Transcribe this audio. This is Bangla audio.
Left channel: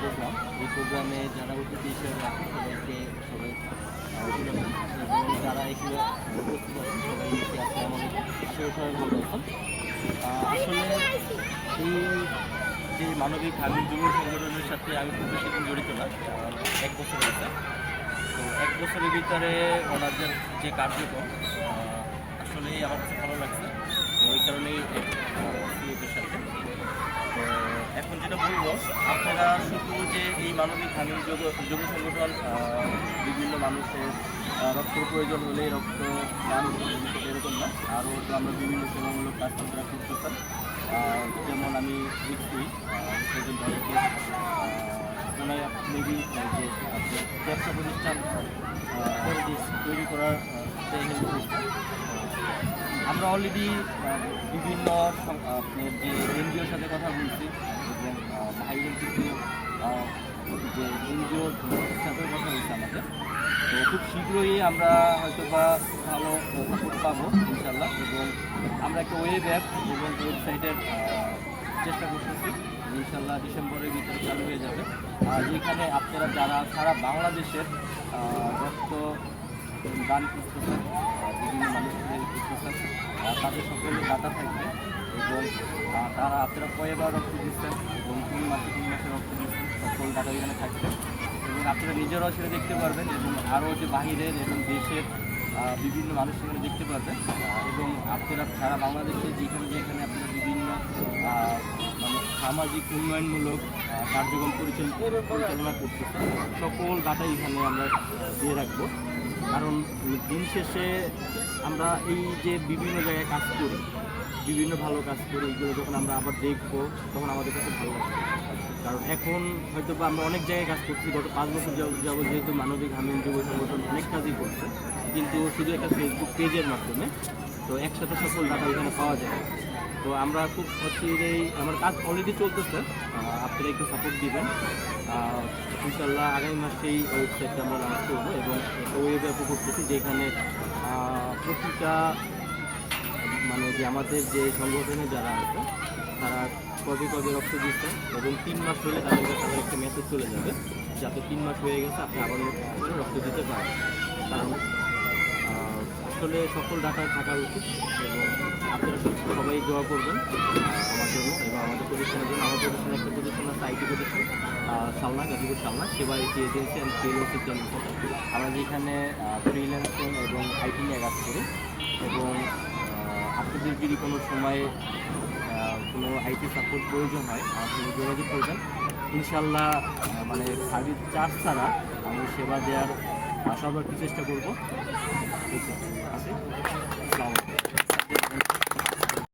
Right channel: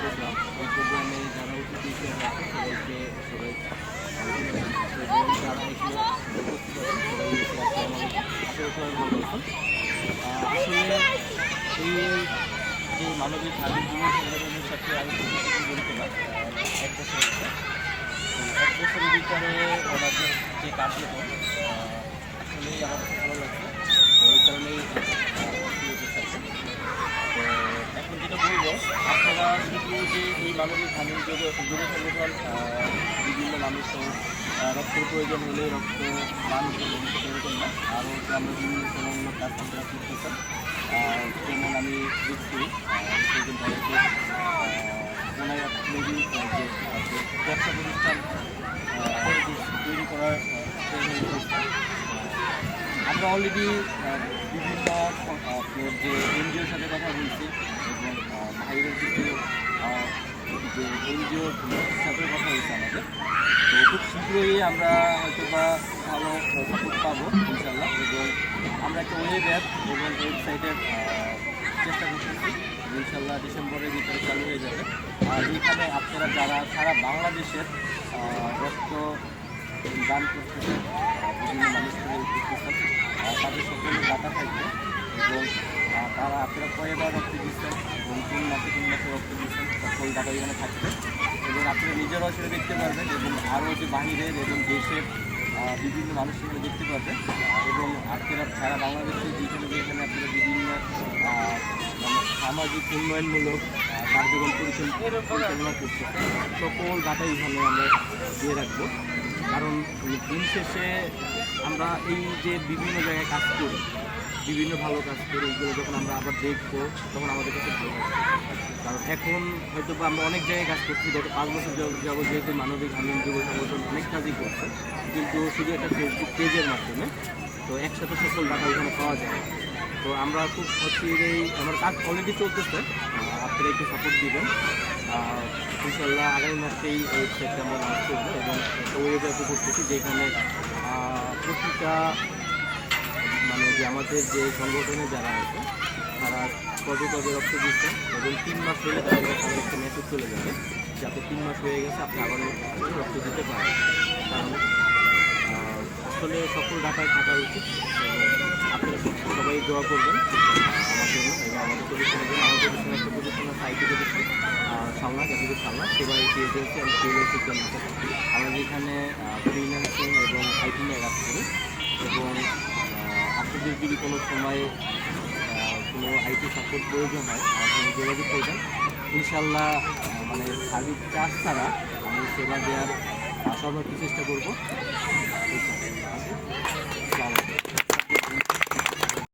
প্রোগ্রাম। এই প্রোগ্রামে যারা অতিথি হিসেবে আছে সবাই এবং যারা এখানে উপস্থিত আছেন সবাই বেশি আসসালামু আলাইকুম। আশা করি সবাই ভালো আছেন। আসলে এই যে মানবিক হাবিব যুব সংগঠনের সাথে আমি খুব বেশি দিন জড়িত না, 1 বছর হয়েছে। তো 1 বছরের ভিতরে ওনাদের যে কার্যক্রম আসলেই আমার কাছে ভালো লাগছে। তো এই কারণেই এদের সাথে। তো এখন যেটা বলবো, আপনারা শুধু যে এই মানবিক হামিদ যুব সংগঠন বিভিন্ন মানুষের রক্তের প্রয়োজন হলে রক্ত দান করবেন এরকম না, আরও তো আমরা বিভিন্ন সেবামূলক কাজ আপনারা করতেছেন। যেমন আমি দেখছি সেজন ভাইকে ওনাই মেবি যে ব্যবসা প্রতিষ্ঠান তৈরি করার ট্রেনিং করছেন। আমরা অলরেডি বিভিন্ন আপনার যে এনজিওর সাথে কথা বলছি এবং বাইরের কিছু যে এনজিওর সাথে কথা হয়েছে আমাদের। তো খুব শীঘ্রই আমরা হয়তো বা ভালো সাপোর্ট পাবো ইনশাল্লাহ, এবং আমরা একটা ওয়েব অ্যাপ এবং ওয়েবসাইটের চেষ্টা করতেছি। ইনশাল্লাহ ডিসেম্বরের ভিতরে চালু হয়ে যাবে। আর এইখানে আপনারা যারা সারা বাংলাদেশের রক্ত দান করতেছেন, বিভিন্ন মানুষকে করতেছেন, তাদের সকলের ডাটা থাকবে এবং তারা আপনারা কয়েকবার রক্ত দিচ্ছেন এবং 3 মাসে রক্ত দিচ্ছেন, সকল ডাটা এখানে থাকবে এবং আপনারা নিজেরাও সেটা দেখতে পারবেন এবং আরও যে বাহিরের এবং দেশের বিভিন্ন মানুষ এখানে দেখতে পারবেন। এবং আপনারা সারা বাংলাদেশে যেখানে আপনারা বিভিন্ন মানে সামাজিক উন্নয়নমূলক কার্যক্রম পরিচালনা করতেছেন, সকল ডাটাই এখানে আমরা দিয়ে রাখবো। কারণ দিন শেষে আমরা এই যে বিভিন্ন জায়গায় কাজ করি, বিভিন্ন ভালো কাজ করি, এগুলো যখন আমরা আবার দেখবো তখন আমাদের কাছে ভালো লাগবে। কারণ এখন হয়তো বা আমরা অনেক জায়গায় কাজ করছি, গত 5 বছর যাবত যেহেতু মানবিক হামিদ যুব সংগঠন অনেক কাজই করছে, কিন্তু শুধু একটা ফেসবুক পেজের মাধ্যমে। তো একসাথে সকল ডাটা এখানে পাওয়া যায়। তো আমরা খুব এই আমার কাজ অলরেডি চলতেছে, আপনারা একটু সাপোর্ট দিবেন। ইনশাল্লাহ আগামী মাসেই এই ওয়েবসাইটটা আমরা লঞ্চ করবো এবং একটা ওয়েব অ্যাপও করতেছি, যেখানে প্রতিটা মানে যে আমাদের যে সংগঠনে যারা আছে তারা কবে রক্ত দিচ্ছে এবং 3 মাস হলে তাদের একটা মেসেজ চলে যাবে যাতে 3 মাস হয়ে গেছে, আপনি আবার রক্ত দিতে পারেন। কারণ আসলে সকল ডাটায় থাকা উচিত এবং আপনারা সবাই দোয়া করবেন আমার জন্য এবং আমাদের প্রতিষ্ঠানের জন্য। আমার প্রতিষ্ঠানে একটা প্রতিষ্ঠান আছে, আইটি প্রতিষ্ঠান সালনা, গাজীপুর সালনা সেবা IT agency and freelancing limited. আমরা যেখানে ফ্রিল্যান্সিং এবং আইটি নিয়ে কাজ করি এবং আপনাদের যদি কোনো সময় কোনো আইটি সাপোর্ট প্রয়োজন হয় আমার সঙ্গে যোগাযোগ করবেন। ইনশাল্লাহ মানে সার্ভিস চার্জ ছাড়া আমি সেবা দেওয়ার সর্বোচ্চ চেষ্টা করবো। ঠিক আছে।